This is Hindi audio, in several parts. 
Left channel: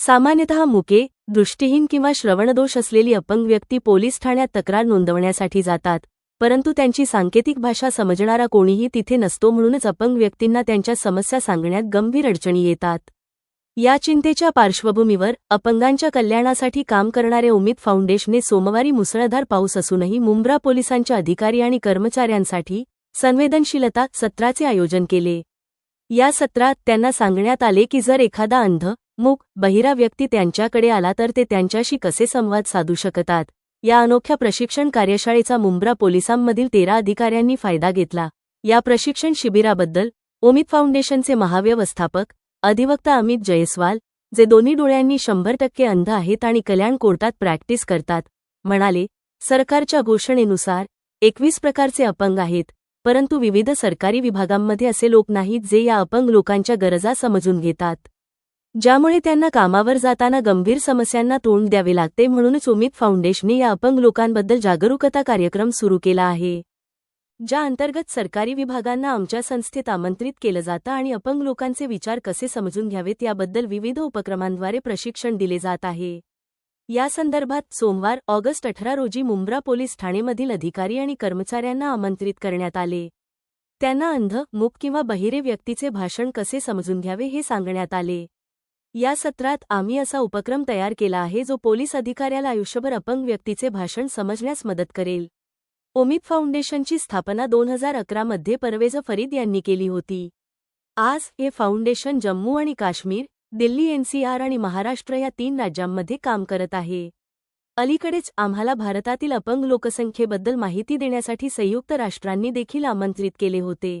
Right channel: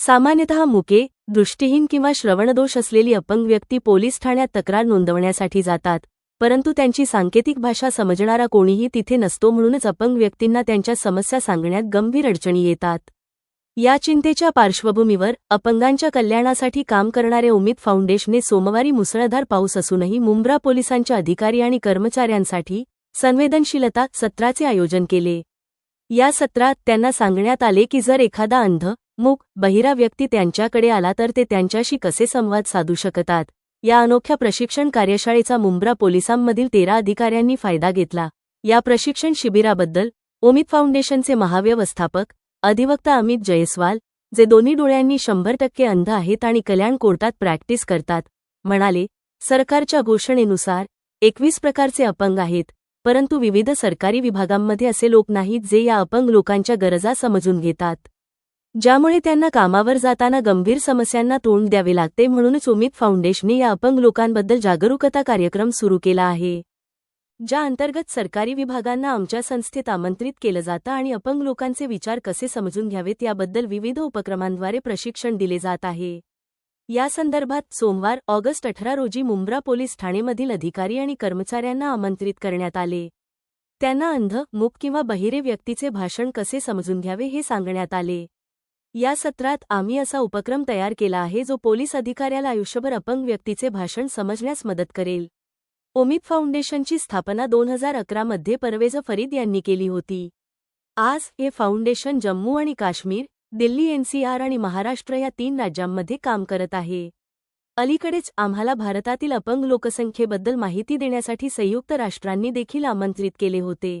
सामान्यतः मुके, दृष्टिहीन किंवा श्रवणदोष असलेली अपंग व्यक्ती पोलीस ठाण्यात तक्रार नोंदवण्यासाठी जातात, परंतु त्यांची सांकेतिक भाषा समजणारा कोणीही तिथे नसतो. म्हणूनच अपंग व्यक्तींना त्यांच्या समस्या सांगण्यात गंभीर अडचणी येतात. या चिंतेच्या पार्श्वभूमीवर अपंगांच्या कल्याणासाठी काम करणारे उमिद फाउंडेशनने सोमवारी मुसळधार पाऊस असूनही मुंब्रा पोलिसांच्या अधिकारी आणि कर्मचाऱ्यांसाठी संवेदनशीलता सत्राचे आयोजन केले. या सत्रात त्यांना सांगण्यात आले की जर एखादा अंध, मूक, बहिरा व्यक्ती त्यांच्याकडे आला तर ते त्यांच्याशी कसे संवाद साधू शकतात. या अनोख्या प्रशिक्षण कार्यशाळेचा मुंब्रा पोलिसांमधील 13 अधिकाऱ्यांनी फायदा घेतला. या प्रशिक्षण शिबिराबद्दल उमिद फाउंडेशनचे महाव्यवस्थापक अधिवक्ता अमित जयस्वाल, जे दोन्ही डोळ्यांनी 100% अंध आहेत आणि कल्याण कोर्टात प्रॅक्टिस करतात, म्हणाले, सरकारच्या घोषणेनुसार 21 प्रकारचे अपंग आहेत, परंतु विविध सरकारी विभागांमध्ये असे लोक नाहीत जे या अपंग लोकांच्या गरजा समजून घेतात, ज्यामुळे त्यांना कामावर जाताना गंभीर समस्यांना तोंड द्यावे लागते. म्हणूनच उमिद फाउंडेशनने या अपंग लोकांबद्दल जागरूकता कार्यक्रम सुरू केला आहे, ज्या अंतर्गत सरकारी विभागांना आमच्या संस्थेत आमंत्रित केलं जातं आणि अपंग लोकांचे विचार कसे समजून घ्यावेत याबद्दल विविध उपक्रमांद्वारे प्रशिक्षण दिले जात आहे. या संदर्भात सोमवार ऑगस्ट 18 रोजी मुंब्रा पोलीस ठाणेमधील अधिकारी आणि कर्मचाऱ्यांना आमंत्रित करण्यात आले. त्यांना अंध, मूक किंवा बहिरे व्यक्तीचे भाषण कसे समजून घ्यावे हे सांगण्यात आले. या सत्रात आम्ही असा उपक्रम तयार केला आहे जो पोलीस अधिकाऱ्याला आयुष्यभर अपंग व्यक्तीचे भाषण समजण्यास मदत करेल. उमिद फाउंडेशनची स्थापना 2011 मध्ये परवेज फरीद यांनी केली होती. आज हे फाउंडेशन जम्मू आणि काश्मीर, दिल्ली, NCR आणि महाराष्ट्र या 3 राज्यांमध्ये काम करत आहे. अलीकडेच आम्हाला भारतातील अपंग लोकसंख्येबद्दल माहिती देण्यासाठी संयुक्त राष्ट्रांनी देखील आमंत्रित केले होते.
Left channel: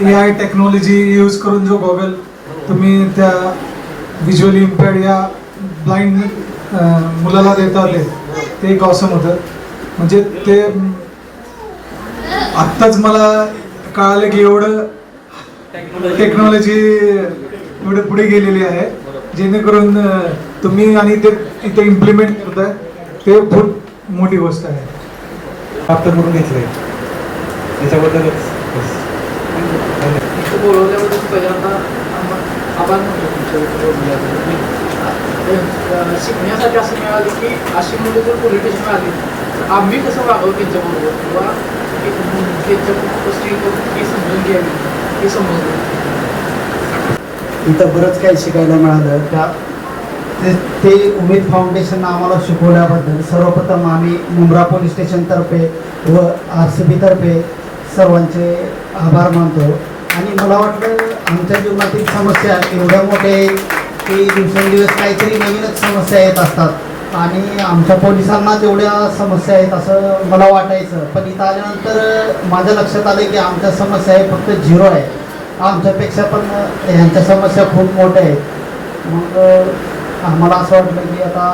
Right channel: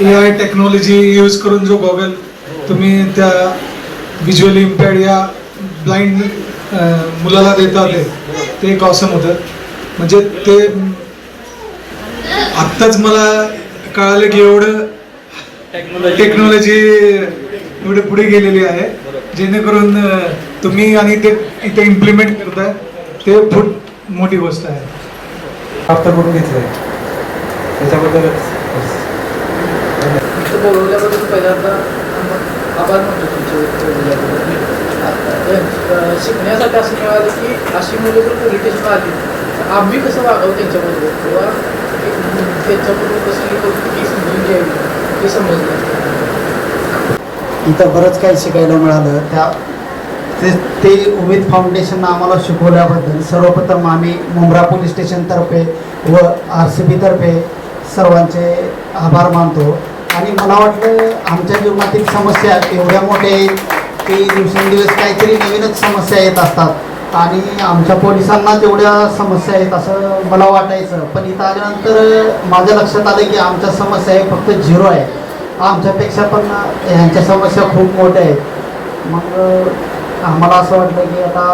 AI टेक्नॉलॉजी यूज करून जो गॉगल तुम्ही त्या व्हिज्युअली इम्पेअर्ड या ब्लाइंड मुलाला देता ते एक ऑसम होतं. म्हणजे ते आत्ताच मला कळालं की एवढं टेक्नॉलॉजी एवढे पुढे गेलेली आहे, जेणेकरून तुम्ही आणि ते इथे इम्प्लिमेंट करताय ते खूप मोठी गोष्ट आहे. प्राप्त करून घेतलंय त्याच्याबद्दलच बोलवल्याबद्दल पहिल्यांदा आभार मानतो तुमचे. शिकण्यासाठी असं मिळालं की अशी मुलं जर पोलीस स्टेशनला आली तर आम्ही कसं वागावं त्यांच्याबरोबर किंवा त्यांच्याबरोबर कशी समजून घ्यावी हे समजलं. इथं बरंच काही शिकायला मिळालं. ते उमेद फाउंडेशन आम्हाला शिकवल्याबद्दल सर्वप्रथम आम्ही मुंब्रा पोलीस स्टेशनतर्फे व RCB तर्फे सर्वांचे आभार मानतो. आणि मला वाटलं आमच्या जीवनातील समस्या एवढ्या मोठ्या आहेत की दिवसेंदिवस काहीतरी नवीनच समस्या येत असतात आणि आमच्या पोलिसांना जेवढ्या समस्या आहेत असं मला वाटायचं. पण इथं आल्यानंतर माझ्या लक्षात आलं की आमच्या समस्या आहे फक्त 0 आहे. आमच्यापेक्षा पण ह्यांच्या समस्या खूप मोठ्या आहेत. मग आम्हाला असं वाटलं की आता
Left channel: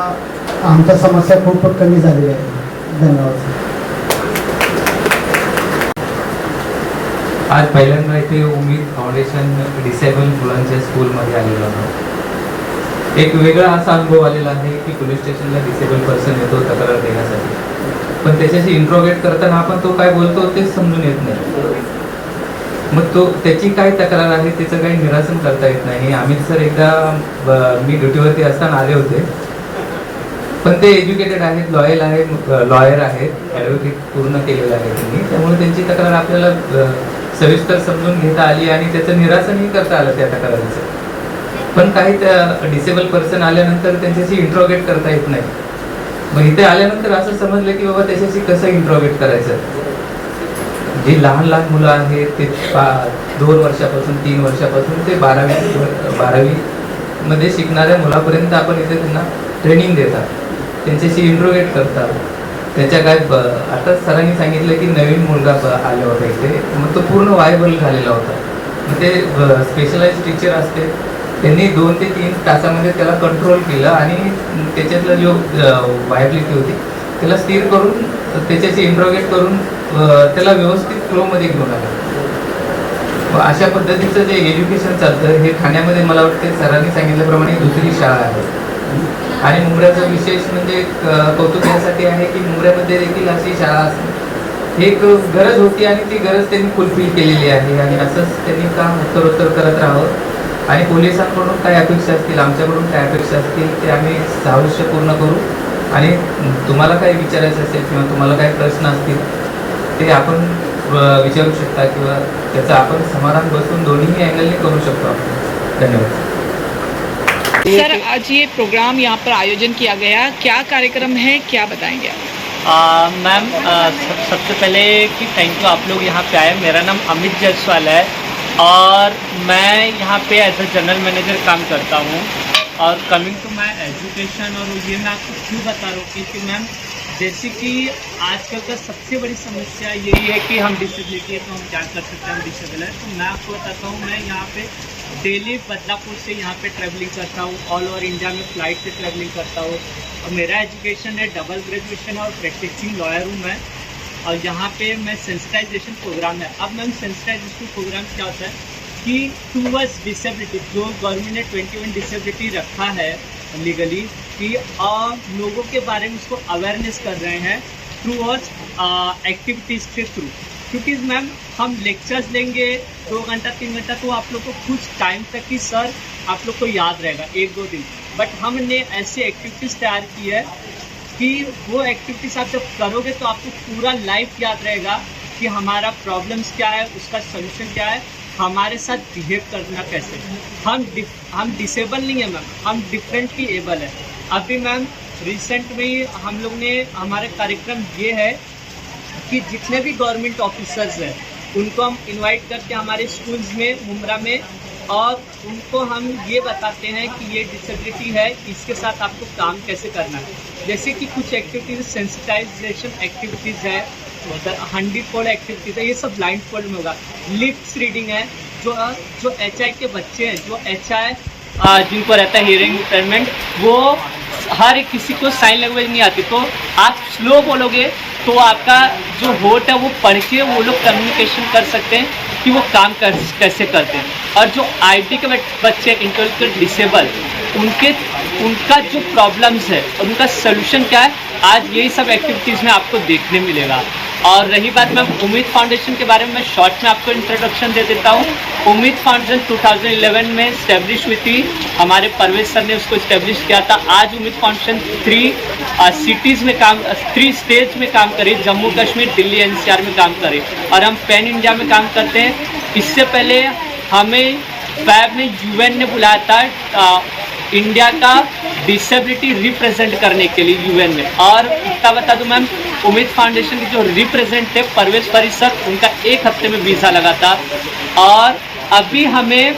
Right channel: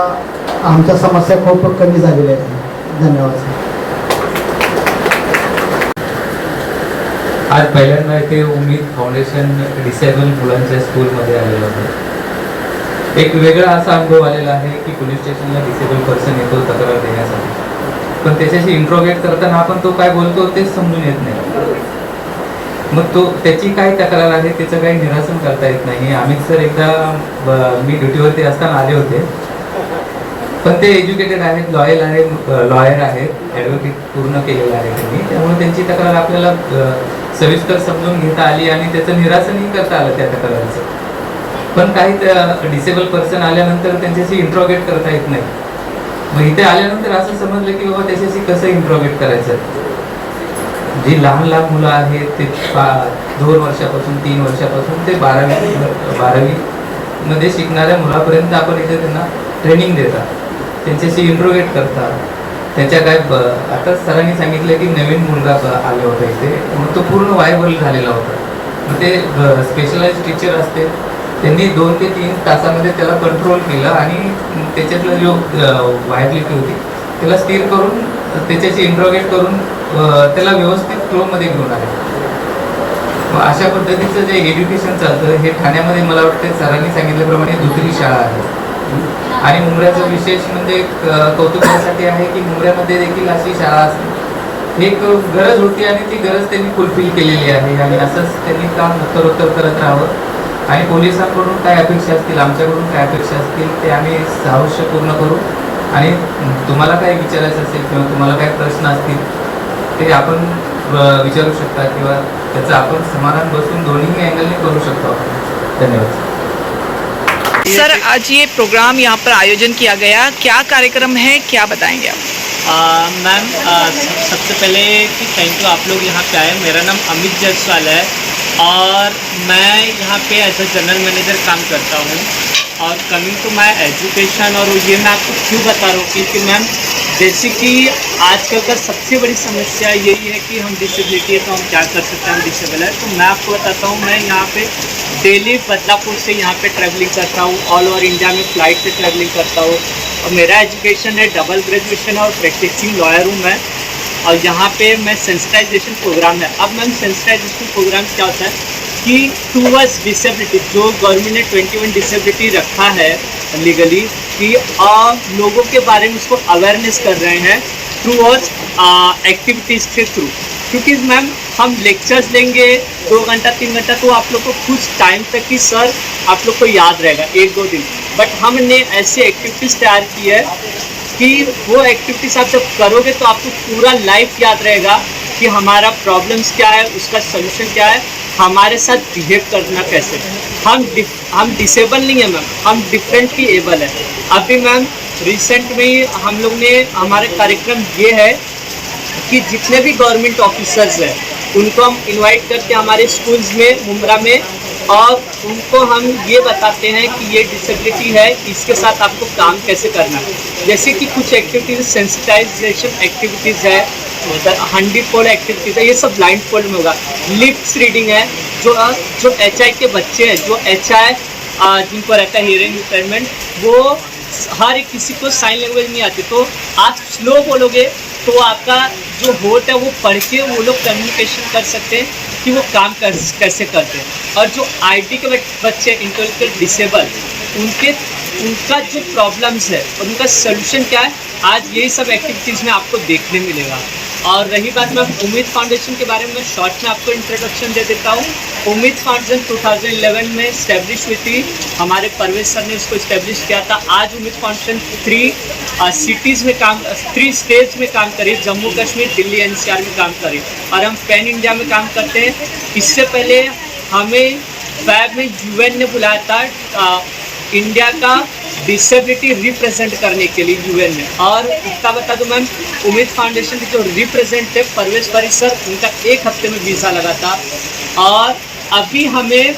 आमच्या समस्या खूप कमी झालेल्या आहेत. धन्यवाद. आज पहिल्यांदा इथे उमेद फाउंडेशन डिसेबल मुलांच्या स्कूलमध्ये आलेलं होतं. एक वेगळा असा अनुभव आलेला आहे की पोलीस स्टेशनला डिसेबल पर्सन येतो तक्रार देण्यासाठी, पण त्याच्याशी इंट्रोगेट करताना आपण तो काय बोलतो तेच समजून येत नाही. मग तो त्याची काय तक्रार आहे त्याचं काही निरासन करता येत नाही. आम्ही सर एकदा मी ड्युटीवरती असताना आले होते, पण ते एज्युकेटेड आहेत, लॉयर आहेत, ॲडव्होकेट पूर्ण केलेलं आहे त्यांनी, त्यामुळे त्यांची तक्रार आपल्याला सविस्तर समजून घेता आली आणि त्याचं निरासनही करता आलं त्या तक्रारीचं. पण काही डिसेबल पर्सन आल्यानंतर त्यांच्याशी इंट्रोगेट करता येत नाही. मग इथे आल्यानंतर असं समजलं की बाबा त्याच्याशी कसं इंट्रोगेट करायचं. जी लहान मुलं आहेत ते 2 वर्षापासून 3 वर्षापासून ते 12वी मध्ये शिकणाऱ्या मुलापर्यंत आपण इथे त्यांना ट्रेनिंग देतात, त्यांच्याशी इंट्रोगेट करतात. त्यांच्या काय आता सरांनी सांगितलं की नवीन मुलगा आले होता इथे, मग तो पूर्ण वायबल झालेला होता. मग ते स्पेशलाइज टीचर असते, त्यांनी 2 ते 3 तासामध्ये त्याला कंट्रोल केलं आणि त्याच्यातलं जो वायबिलिटी होती त्याला स्थिर करून त्याच्याशी इंट्रोगेट करून त्याला व्यवस्थित फ्लोमध्ये घेऊन आले. अशा पद्धतीचं जे एज्युकेशन चालतं हे ठाण्यामध्ये मला वाटतं सरांनी सांगितल्याप्रमाणे दुसरी शाळा आहे. आणि मुंब्र्याचं विशेष म्हणजे कौतुक यासाठी आहे की मुंब्र्यामध्ये देखील अशी शाळा असते ही एक गरज होती आणि ती गरज त्यांनी फुलफिल केलेली आहे आणि असंच त्यांनी काम उत्तरोत्तर करत राहावं आणि पोलिसांकडून काय अपेक्षा असतील आमच्याकडून काय अपेक्षा असतील ते आम्ही अवश्य पूर्ण करू आणि तुम्हाला काही विचारायचं असेल किंवा तुम्हाला काही प्रश्न असतील ते आपण विचारू शकता किंवा त्याचं आपण समाधान बसून दोन्ही अँगलने करू शकतो आपण. धन्यवाद. सर, आज ये प्रोग्राम यहाँ पर आयोजन किया गया, क्या कार्यक्रम है, क्या बताएंगे आप? मैम सबसे पहले कि थैंक यू, आप लोग यहाँ पे आए. मेरा नाम अमित जायसवाल है और मैं यहाँ पे एज ए जनरल मैनेजर काम करता हूँ. और कमिंग टू माय एजुकेशन, और ये मैं आपको क्यों बता रहा हूँ क्योंकि मैम जैसे कि आजकल का सबसे बड़ी समस्या यही है कि हम डिसेबिलिटी है तो हम क्या कर सकते हैं, हम डिसेबल है. तो मैं आपको बताता हूँ, मैं यहाँ पे डेली बदलापुर से यहाँ पे ट्रैवलिंग करता हूँ. ऑल ओवर इंडिया में फ़्लाइट से ट्रैवलिंग करता हूँ. और मेरा एजुकेशन है डबल ग्रेजुएशन और प्रैक्टिसिंग लॉयर हूँ मैं. और यहाँ पे मैं सेंसिटाइजेशन प्रोग्राम है. अब मैम सेंसिटाइजेशन प्रोग्राम क्या होता है कि टूवर्ड्स डिसेबिलिटी, जो गवर्नमेंट ने 21 डिसेबिलिटी रखा है लीगली, कि लोगों के बारे में उसको अवेयरनेस कर रहे हैं टूवर्ड्स एक्टिविटीज़ के थ्रू. क्योंकि मैम हम लेक्चर्स लेंगे 2 घंटा 3 घंटा तो आप लोग को कुछ टाइम तक ही सर आप लोग को याद रहेगा 1-2 दिन. बट हमने ऐसी एक्टिविटीज़ तैयार की है कि वो एक्टिविटीज़ आप जब करोगे तो आपको पूरा लाइफ याद रहेगा कि हमारा प्रॉब्लम्स क्या है, उसका सोल्यूशन क्या है, हमारे साथ बिहेव करना कैसे. हम डिसेबल नहीं है मैम, हम डिफरेंटली एबल है. अभी मैम रिसेंट में ही हम लोग ने हमारे कार्यक्रम ये है कि जितने भी गवर्नमेंट ऑफिसर्स हैं उनको हम इनवाइट करते हैं हमारे स्कूल्स में मुंब्रा में, और उनको हम ये बताते हैं कि ये डिसेबिलिटी है, इसके साथ आपको काम कैसे करना है. जैसे कि कुछ एक्टिविटीज़ सेंसिटाइजेशन एक्टिविटीज़ है, 100 फोल्ड एक्टिविटीज़ है, ये सब ब्लाइंड फोल्ड में होगा. लिप्स रीडिंग है, जो HI के बच्चे हैं, जो HI जिनको रहता है हियरिंग इम्पेयरमेंट, वो हर किसी को साइन लैंग्वेज नहीं आती, तो आप स्लो बोलोगे तो आपका जो होट है वो पढ़ के वो लोग कम्युनिकेशन कर सकते हैं कि वो काम कैसे करते हैं. और जो IT के बच्चे इंटेलेक्चुअल डिसेबल, उनका जो प्रॉब्लम्स है और उनका सोल्यूशन क्या है, आज यही सब एक्टिविटीज़ में आपको देखने मिलेगा. और रही बात मैं उम्मीद फाउंडेशन के बारे में शॉर्ट में आपको इंट्रोडक्शन दे देता हूँ. उम्मीद फाउंडेशन 2011 में इस्टेब्लिश हुई थी, हमारे परवेज सर ने उसको इस्टेब्लिश किया था. आज उम्मीद फाउंडेशन 3 स्टेट्स में काम करे, जम्मू कश्मीर, दिल्ली, NCR में काम करे, और हम पैन इंडिया में काम करते हैं. इससे पहले हमें फैब में UN ने बुलाया था इंडिया का डिसेबिलिटी रिप्रेजेंट करने के लिए UN में. और इतना बता दूं मैम, उम्मीद फाउंडेशन के जो रिप्रेजेंटेटिव परवेज परी सर, उनका 1 हफ्ते में वीज़ा लगा था. और अभी हमें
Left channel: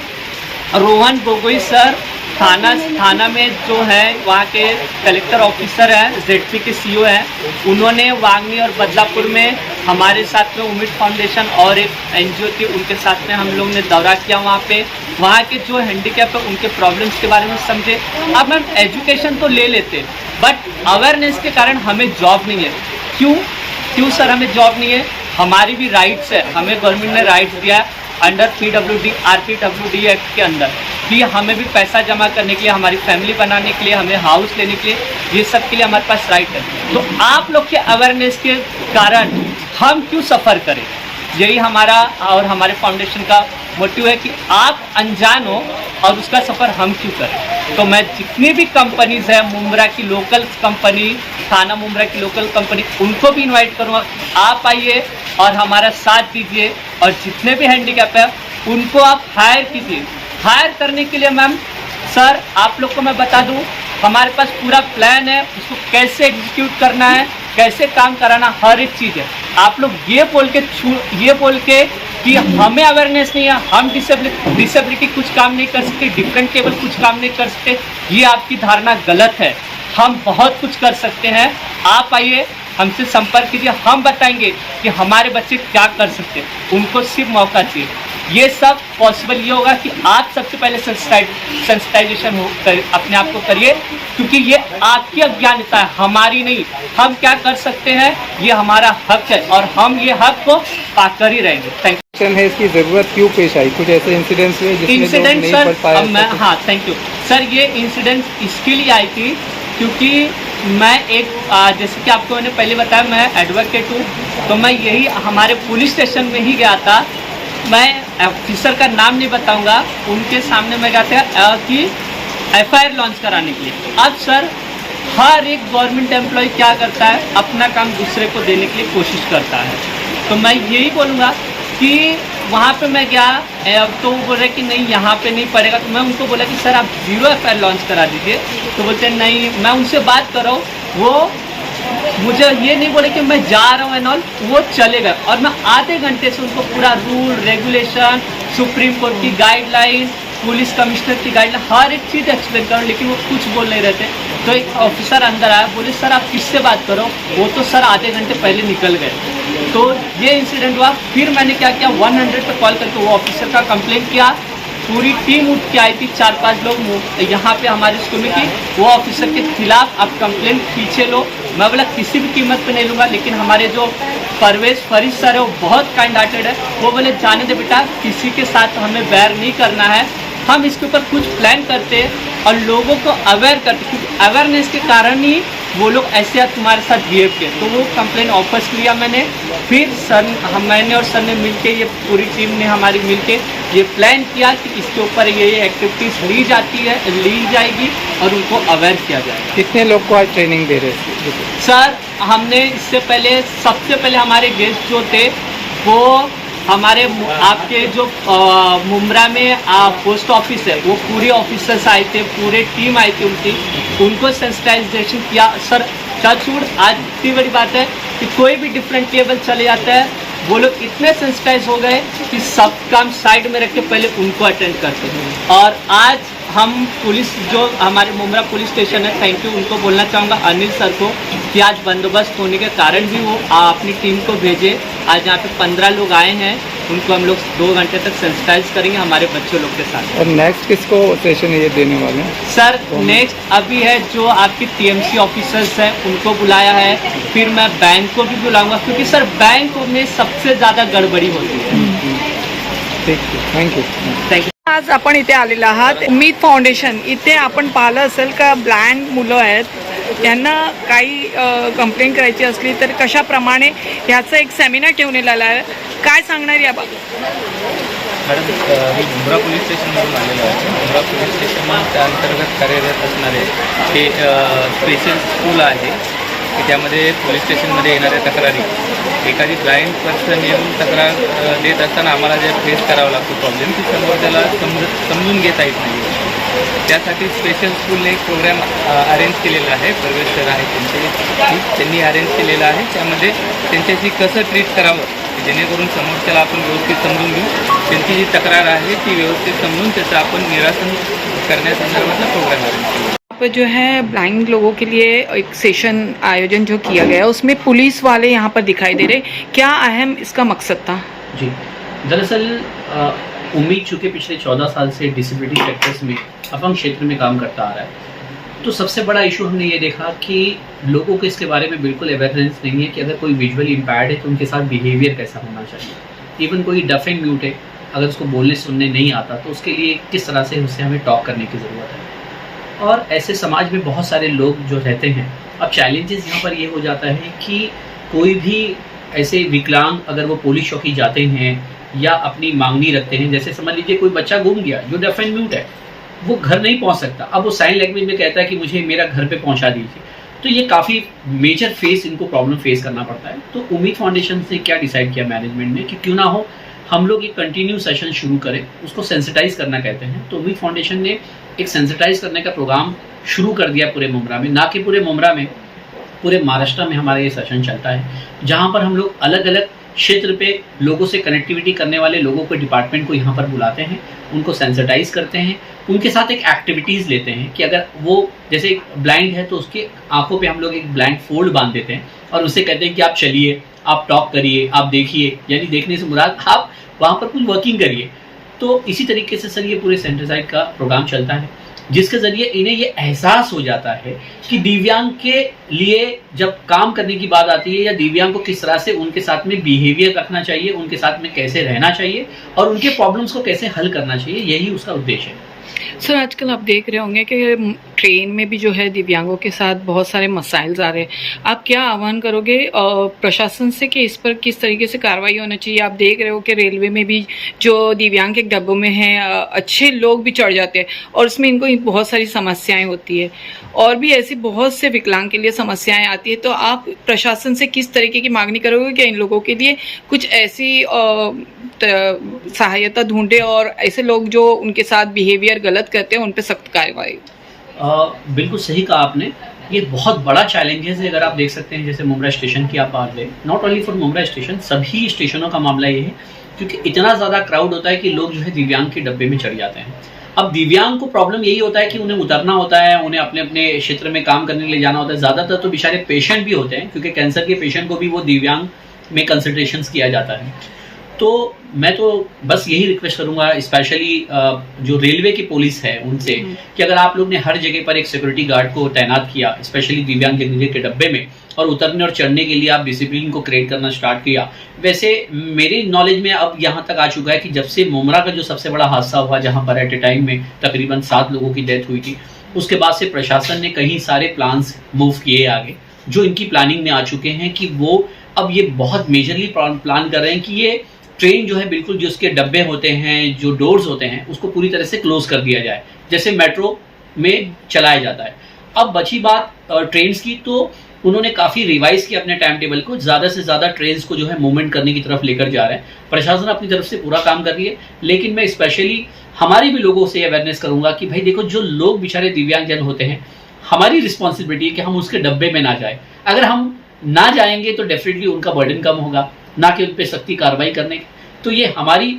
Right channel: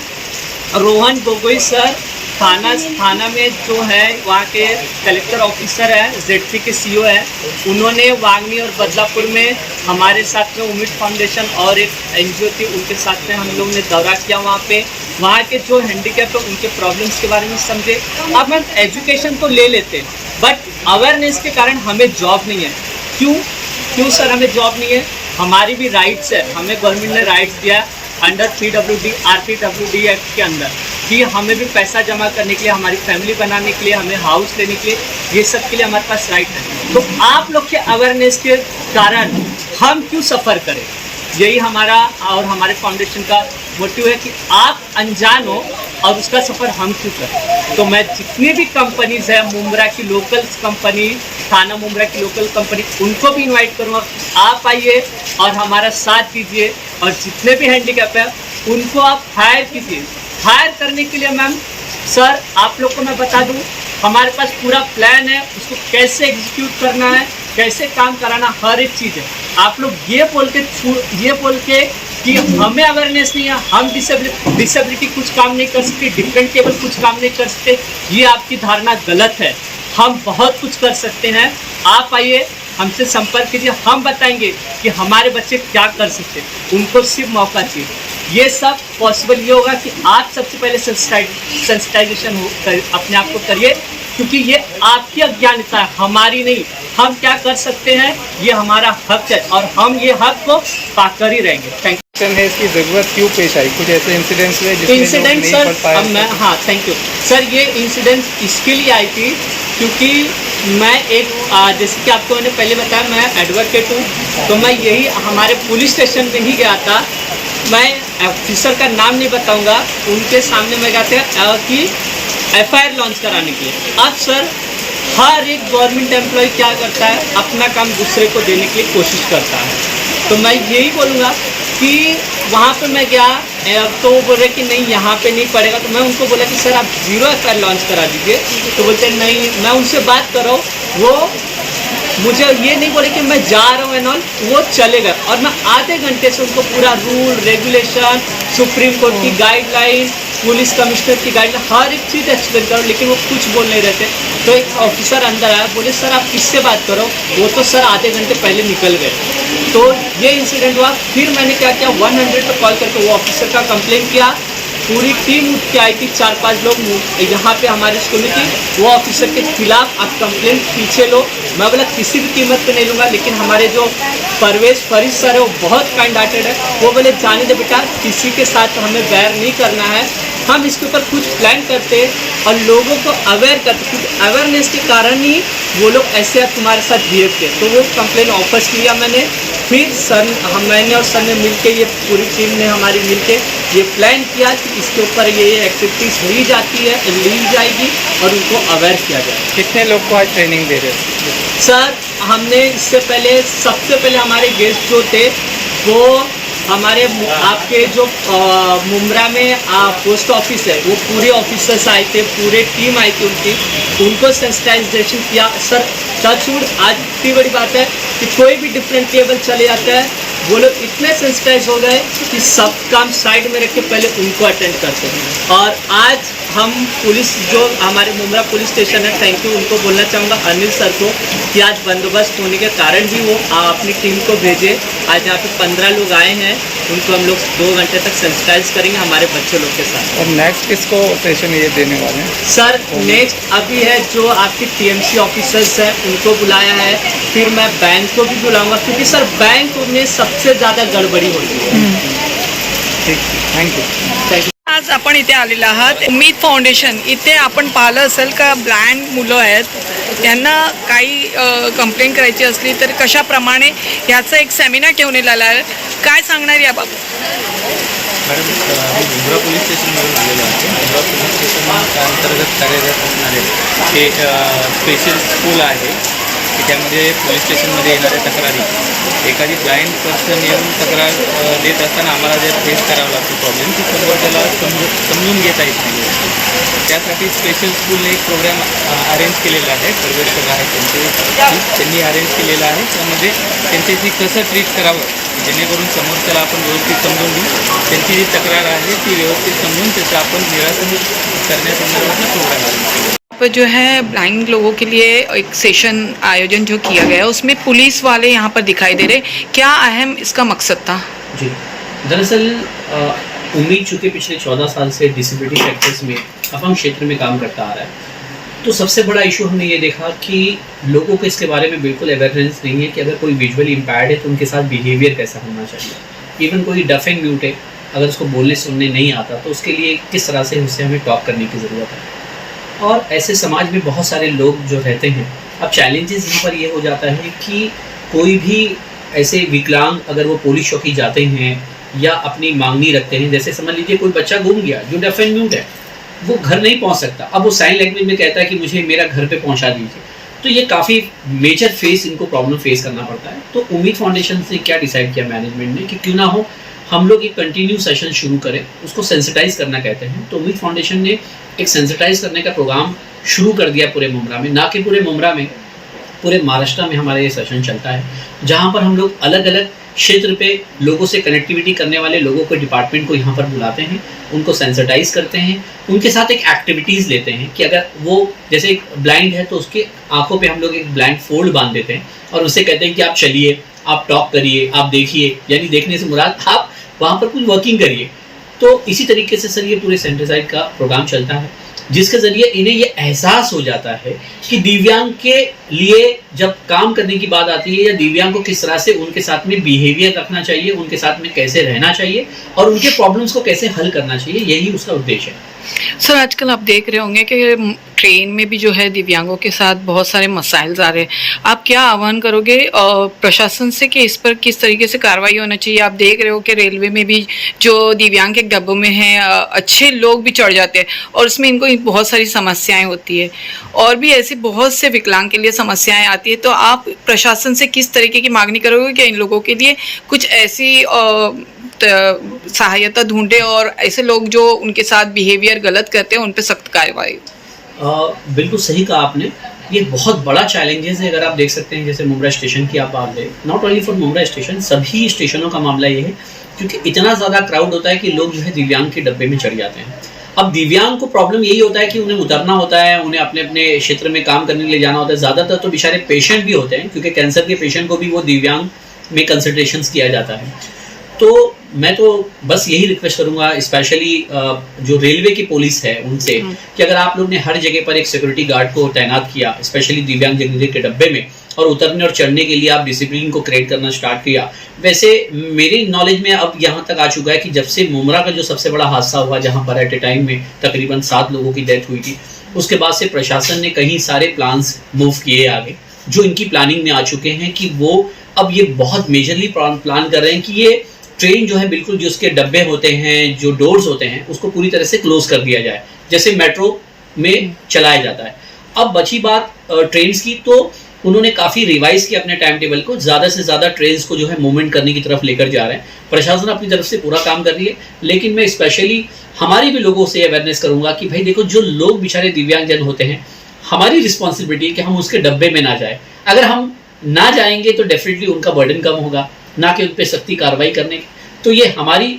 रोहन गोगोई सर थाना में जो है वहाँ के कलेक्टर ऑफिसर हैं, ZP के CO हैं, उन्होंने वांगनी और बदलापुर में हमारे साथ में उम्मीद फाउंडेशन और एक NGO थी, उनके साथ में हम लोग ने दौरा किया. वहाँ के जो हैंडीकैप है उनके प्रॉब्लम्स के बारे में समझे. अब मैम एजुकेशन तो ले लेते, बट अवेयरनेस के कारण हमें जॉब नहीं है. क्यों सर हमें जॉब नहीं है? हमारी भी राइट्स है, हमें गवर्नमेंट ने राइट्स दिया अंडर PWD RPWD एक्ट के अंदर कि हमें भी पैसा जमा करने के लिए, हमारी फैमिली बनाने के लिए, हमें हाउस लेने के लिए, ये सब के लिए हमारे पास राइट है. तो आप लोग के अवेयरनेस के कारण हम क्यों सफ़र करें? यही हमारा और हमारे फाउंडेशन का मोटिव है कि आप अनजान हो और उसका सफ़र हम क्यों करें. तो मैं जितनी भी कंपनीज़ हैं, मुंब्रा की लोकल कंपनी, थाना मुंब्रा की लोकल कंपनी, उनको भी इनवाइट करूँगा. आप आइए और हमारा साथ दीजिए, और जितने भी हैंडीकैप है उनको आप हायर कीजिए. हायर करने के लिए मैम सर आप लोग को मैं बता दूं, हमारे पास पूरा प्लान है, उसको कैसे एग्जीक्यूट करना है, कैसे काम कराना, हर एक चीज़ है. आप लोग ये बोल के कि हमें अवेयरनेस नहीं है, हम डिसेबिलिटी कुछ काम नहीं कर सकते, डिफरेंट केबल कुछ काम नहीं कर सकते, ये आपकी धारणा गलत है. हम बहुत कुछ कर सकते हैं. आप आइए, हमसे संपर्क कीजिए, हम बताएंगे कि हमारे बच्चे क्या कर सकते हैं. उनको सिर्फ मौका चाहिए. ये सब पॉसिबल ये होगा कि आप सबसे पहले सेंसिटाइजेशन अपने आप को करिए, क्योंकि ये आपकी अज्ञानता है, हमारी नहीं. हम क्या कर सकते हैं, ये हमारा हक है, और हम ये हक को पाकर ही रहेंगे. Thank you. है इसकी ज़रूरत क्यों पेश आई? कुछ ऐसे इंसिडेंट्स हुए इंसिडेंट सर, अब मैं थैंक यू सर. ये इंसिडेंट इसके लिए आई थी क्योंकि मैं एक जैसे कि आपको मैंने पहले बताया, मैं एडवोकेट हूँ, तो मैं यही हमारे पुलिस स्टेशन में ही गया था। मैं ऑफिसर का नाम नहीं बताऊंगा, उनके सामने मैं गया था कि FIR लॉन्च कराने के लिए। अब सर, हर एक गवर्नमेंट एम्प्लॉय क्या करता है, अपना काम दूसरे को देने के लिए कोशिश करता है। तो मैं यही बोलूँगा कि वहाँ पे मैं गया तो वो बोल रहे कि नहीं यहाँ पे नहीं पड़ेगा। तो मैं उनको बोला कि सर आप 0 FIR लॉन्च करा दीजिए। तो बोलते नहीं, मैं उनसे बात कर रहा हूँ, वो मुझे ये नहीं बोले कि मैं जा रहा हूँ एंड ऑल, वो चले गए। और मैं आधे घंटे से उनको पूरा रूल रेगुलेशन, सुप्रीम कोर्ट की गाइडलाइन, पुलिस कमिश्नर की गाइडलाइन, हर एक चीज़ एक्सप्लेन करो, लेकिन वो कुछ बोल नहीं रहे थे। तो एक ऑफिसर अंदर आया, बोले सर आप किससे बात करो, वो तो सर आधे घंटे पहले निकल गए। तो ये इंसिडेंट हुआ। फिर मैंने क्या किया, 100 पे कॉल करके वो ऑफिसर का कंप्लेन किया। पूरी टीम उठ के आई थी, 4-5 लोग यहाँ पे हमारे स्कूल में थी। वो ऑफिसर के खिलाफ आप कंप्लेंट पीछे लो। मैं बोला किसी भी कीमत पे नहीं लूँगा, लेकिन हमारे जो परवेज फरीद सर है वो बहुत काइंड हार्टेड है। वो बोले जाने दे बेटा, किसी के साथ हमें बैर नहीं करना है, हम इसके ऊपर कुछ प्लान करते हैं और लोगों को अवेयर करते, क्योंकि अवेयरनेस के कारण ही वो लोग ऐसे तुम्हारे साथ बिहेव किए। तो वो कंप्लेन वापस लिया मैंने। फिर मैंने और सर ने मिलके, ये पूरी टीम ने हमारी मिलके ये प्लान किया कि इसके ऊपर ये एक्टिविटीज़ ली जाएगी और उनको अवेयर किया जाए। कितने लोग को आज ट्रेनिंग दे रहे हैं? सर हमने इससे पहले, सबसे पहले हमारे गेस्ट जो थे वो हमारे आपके जो मुंब्रा में पोस्ट ऑफिस है, वो पूरे ऑफिसर्स आए थे, पूरे टीम आई थी उनको सेंसिटाइजेशन किया। सर टचवुड, आज इतनी बड़ी बात है कि कोई भी डिफरेंट टेबल चले जाता है, वो लोग इतने सेंसिटाइज हो गए कि सब काम साइड में रख के पहले उनको अटेंड करते हैं। और आज हम पुलिस, जो हमारे मुंब्रा पुलिस स्टेशन है, थैंक यू उनको बोलना चाहूँगा, अनिल सर को, कि आज बंदोबस्त होने के कारण भी वो अपनी टीम को भेजे। आज यहाँ पे 15 लोग आए हैं, उनको हम लोग 2 घंटे तक सेंसिटाइज करेंगे हमारे बच्चों लोग के साथ। और नेक्स्ट किसको सेशन ये देने वाले हैं? सर नेक्स्ट अभी है जो आपकी TMC ऑफिसर्स हैं, उनको बुलाया है। फिर मैं बैंक को भी बुलाऊंगा, क्योंकि सर बैंक में सबसे ज़्यादा गडबडी होती है। ठीक, थँक यू. Thank you. आज आपण इथे आलेला आहात उम्मीद फाउंडेशन इथे आपण पाहिलं असेल का ब्लाइंड मुलं आहेत, त्यांना काही कंप्लेंट करायची असली तर कशाप्रमाणे याचं एक सेमिनार ठेवण्यात आला आहे. काय सांगणार याबाबत? मॅडम, मी मुंब्रा पोलीस स्टेशनवरून आलेलो आहे. मुंब्रा पोलीस स्टेशनच्या अंतर्गत कार्यरत असणारे हे स्पेशल स्कूल आहे की त्यामध्ये पोलीस स्टेशनमध्ये येणाऱ्या तक्रारी, एखादी ब्लाइंड पर्सन येऊन तक्रार देत असताना आम्हाला जे फेस करावं लागतो प्रॉब्लेम, की समोरच्याला समजून घेता येत नाही. त्यासाठी स्पेशल स्कूलने एक प्रोग्राम अरेंज केलेला आहे. परवेश सर आहे त्यांनी अरेंज केलेला आहे. त्यामध्ये त्यांच्याशी कसं ट्रीट करावं, जेणेकरून समोरच्याला आपण व्यवस्थित समजून घेऊ, त्यांची जी तक्रार आहे ती व्यवस्थित समजून त्याचं आपण निरासन करण्यासंदर्भातला प्रोग्राम अरेंज केला. पर जो है ब्लाइंड लोगों के लिए एक सेशन आयोजन जो किया गया उसमें पुलिस वाले यहाँ पर दिखाई दे रहे, क्या अहम इसका मकसद था? जी, दरअसल उम्मीद चूँकि पिछले 14 साल से डिसेबिलिटी सेक्टर्स में अपंग क्षेत्र में काम करता आ रहा है, तो सबसे बड़ा इशू हमने ये देखा कि लोगों को इसके बारे में बिल्कुल अवेयरनेस नहीं है कि अगर कोई विजुअली इम्पेयर्ड है तो उनके साथ बिहेवियर कैसा होना चाहिए। इवन कोई डफ एंड म्यूट है, अगर उसको बोलने सुनने नहीं आता तो उसके लिए किस तरह से उससे हमें टॉक करने की ज़रूरत है। और ऐसे समाज में बहुत सारे लोग जो रहते हैं, अब चैलेंजेस यहाँ पर ये हो जाता है कि कोई भी ऐसे विकलांग अगर वो पुलिस चौकी जाते हैं या अपनी मांगनी रखते हैं, जैसे समझ लीजिए कोई बच्चा गुम गया जो डेफ एंड म्यूट है, वो घर नहीं पहुँच सकता, अब वो साइन लैंग्वेज में कहता है कि मुझे मेरा घर पे पहुँचा दीजिए, तो ये काफ़ी मेजर इनको प्रॉब्लम फेस करना पड़ता है। तो उम्मीद फाउंडेशन से क्या डिसाइड किया मैनेजमेंट ने कि क्यों ना हो हम लोग एक कंटिन्यू सेशन शुरू करें, उसको सेंसिटाइज करना कहते हैं। तो उम्मीद फाउंडेशन ने एक सेंसिटाइज करने का प्रोग्राम शुरू कर दिया पूरे मुंब्रा में, ना कि पूरे मुंब्रा में, पूरे महाराष्ट्र में हमारा ये सेशन चलता है, जहाँ पर हम लोग अलग अलग क्षेत्र पे लोगों से कनेक्टिविटी करने वाले लोगों को, डिपार्टमेंट को यहाँ पर बुलाते हैं, उनको सेंसिटाइज करते हैं, उनके साथ एक एक्टिविटीज़ लेते हैं कि अगर वो जैसे एक ब्लाइंड है तो उसके आंखों पे हम लोग एक ब्लाइंड फोल्ड बांध देते हैं और उससे कहते हैं कि आप चलिए, आप टॉक करिए, आप देखिए, यानी देखने से मुराद आप वहाँ पर कुछ वर्किंग करिए। तो इसी तरीके से सर ये पूरे सेंसिटाइज का प्रोग्राम चलता है, जिसके ज़रिए इन्हें ये एहसास हो जाता है कि दिव्यांग के लिए जब काम करने की बात आती है या दिव्यांग को किस तरह से उनके साथ में बिहेवियर रखना चाहिए, उनके साथ में कैसे रहना चाहिए और उनके प्रॉब्लम्स को कैसे हल करना चाहिए, यही उसका उद्देश्य है। सर आजकल आप देख रहे होंगे कि ट्रेन में भी जो है दिव्यांगों के साथ बहुत सारे मसाइल आ रहे हैं। आप क्या आह्वान करोगे प्रशासन से कि इस पर किस तरीके से कार्रवाई होना चाहिए? आप देख रहे हो कि रेलवे में भी जो दिव्यांग के डब्बों में हैं अच्छे लोग भी चढ़ जाते हैं और उसमें इनको बहुत सारी समस्याएं होती है और भी ऐसी बहुत से विकलांग के लिए समस्याएं आती है। तो आप प्रशासन से किस तरीके की मांगनी करोगे कि इन लोगों के लिए कुछ ऐसी सहायता ढूंढे और ऐसे लोग जो उनके साथ बिहेवियर गलत करते हैं उन पर सख्त कार्रवाई? बिल्कुल सही कहा आपने। ये बहुत बड़ा चैलेंजेस है। अगर आप देख सकते हैं जैसे मुंब्रा स्टेशन की आप बात करें, not only for Mumbra station, सभी स्टेशनों का मामला ये है क्योंकि इतना ज़्यादा क्राउड होता है कि लोग जो है दिव्यांग के डब्बे में चढ़ जाते हैं। अब दिव्यांग को प्रॉब्लम यही होता है कि उन्हें उतरना होता है, उन्हें अपने अपने क्षेत्र में काम करने के लिए जाना होता है। ज़्यादातर तो बेचारे पेशेंट भी होते हैं क्योंकि कैंसर के पेशेंट को भी वो दिव्यांग में कंसल्टेशंस किया जाता है। तो मैं तो बस यही रिक्वेस्ट करूंगा स्पेशली जो रेलवे की पुलिस है उनसे कि अगर आप लोग ने हर जगह पर एक सिक्योरिटी गार्ड को तैनात किया स्पेशली दिव्यांग जगह के डब्बे में और उतरने और चढ़ने के लिए आप डिसिप्लिन को क्रिएट करना स्टार्ट किया। वैसे मेरे नॉलेज में अब यहाँ तक आ चुका है कि जब से मुमरा का जो सबसे बड़ा हादसा हुआ जहाँ पर एट ए टाइम में तकरीबन 7 लोगों की डेथ हुई थी, उसके बाद से प्रशासन ने कई सारे प्लान्स मूव किए आगे जो इनकी प्लानिंग में आ चुके हैं कि वो अब ये बहुत मेजरली प्लान कर रहे हैं कि ये ट्रेन जो है बिल्कुल जो उसके डब्बे होते हैं, जो डोर्स होते हैं, उसको पूरी तरह से क्लोज कर दिया जाए जैसे मेट्रो में चलाया जाता है। अब बची बात ट्रेन्स की, तो उन्होंने काफ़ी रिवाइज किया अपने टाइम टेबल को, ज़्यादा से ज़्यादा ट्रेन्स को जो है मूवमेंट करने की तरफ लेकर जा रहे हैं। प्रशासन अपनी तरफ से पूरा काम कर रही है, लेकिन मैं स्पेशली हमारे भी लोगों से अवेयरनेस करूँगा कि भाई देखो जो लोग बेचारे दिव्यांगजन होते हैं, हमारी रिस्पॉन्सिबिलिटी है कि हम उसके डब्बे में ना जाए। अगर हम ना जाएंगे तो डेफिनेटली उनका बर्डन कम होगा, ना कि उन पर सख्ती कार्रवाई करने की। तो ये हमारी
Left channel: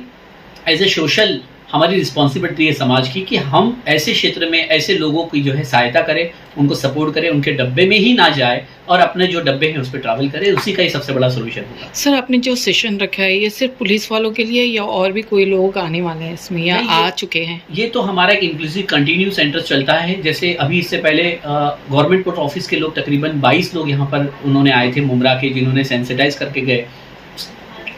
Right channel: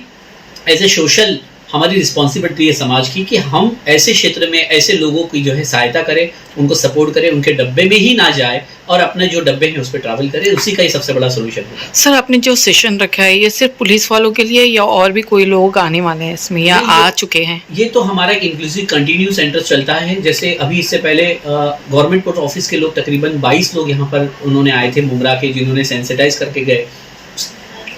एज ए सोशल हमारी रिस्पॉन्सिबिलिटी है समाज की कि हम ऐसे क्षेत्र में ऐसे लोगों की जो है सहायता करें, उनको सपोर्ट करें, उनके डब्बे में ही ना जाए और अपने जो डब्बे हैं उस पर ट्रैवल करें। उसी का ही सबसे बड़ा सोल्यूशन है। सर आपने जो सेशन रखा है ये सिर्फ पुलिस वालों के लिए या और भी कोई लोग आने वाले हैं इसमें या आ चुके हैं? ये तो हमारा एक इंक्लूसिव कंटिन्यू सेंटर चलता है। जैसे अभी इससे पहले गवर्नमेंट पोस्ट ऑफिस के लोग तकरीबन 22 लोग यहाँ पर उन्होंने आए थे मुमरा के, जिन्होंने सेंसिटाइज करके गए।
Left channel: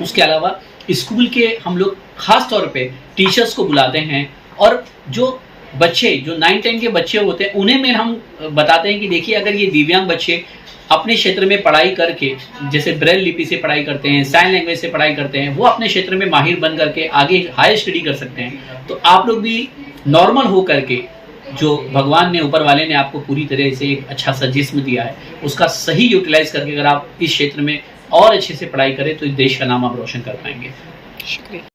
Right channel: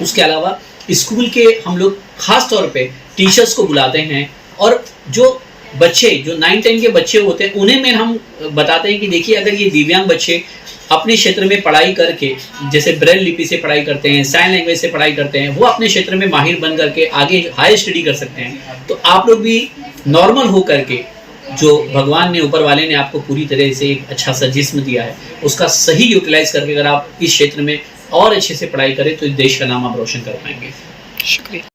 उसके अलावा स्कूल के हम लोग खास तौर पे टीचर्स को बुलाते हैं और जो बच्चे जो 9-10 के बच्चे होते हैं उन्हें में हम बताते हैं कि देखिए अगर ये दिव्यांग बच्चे अपने क्षेत्र में पढ़ाई करके जैसे ब्रेल लिपि से पढ़ाई करते हैं, साइन लैंग्वेज से पढ़ाई करते हैं, वो अपने क्षेत्र में माहिर बन करके आगे हायर स्टडी कर सकते हैं। तो आप लोग भी नॉर्मल हो करके जो भगवान ने ऊपर वाले ने आपको पूरी तरह से एक अच्छा सा जिस्म दिया है उसका सही यूटिलाइज करके अगर आप इस क्षेत्र में और अच्छे से पढ़ाई करें तो इस देश का नाम आप रोशन कर पाएंगे। शुक्रिया।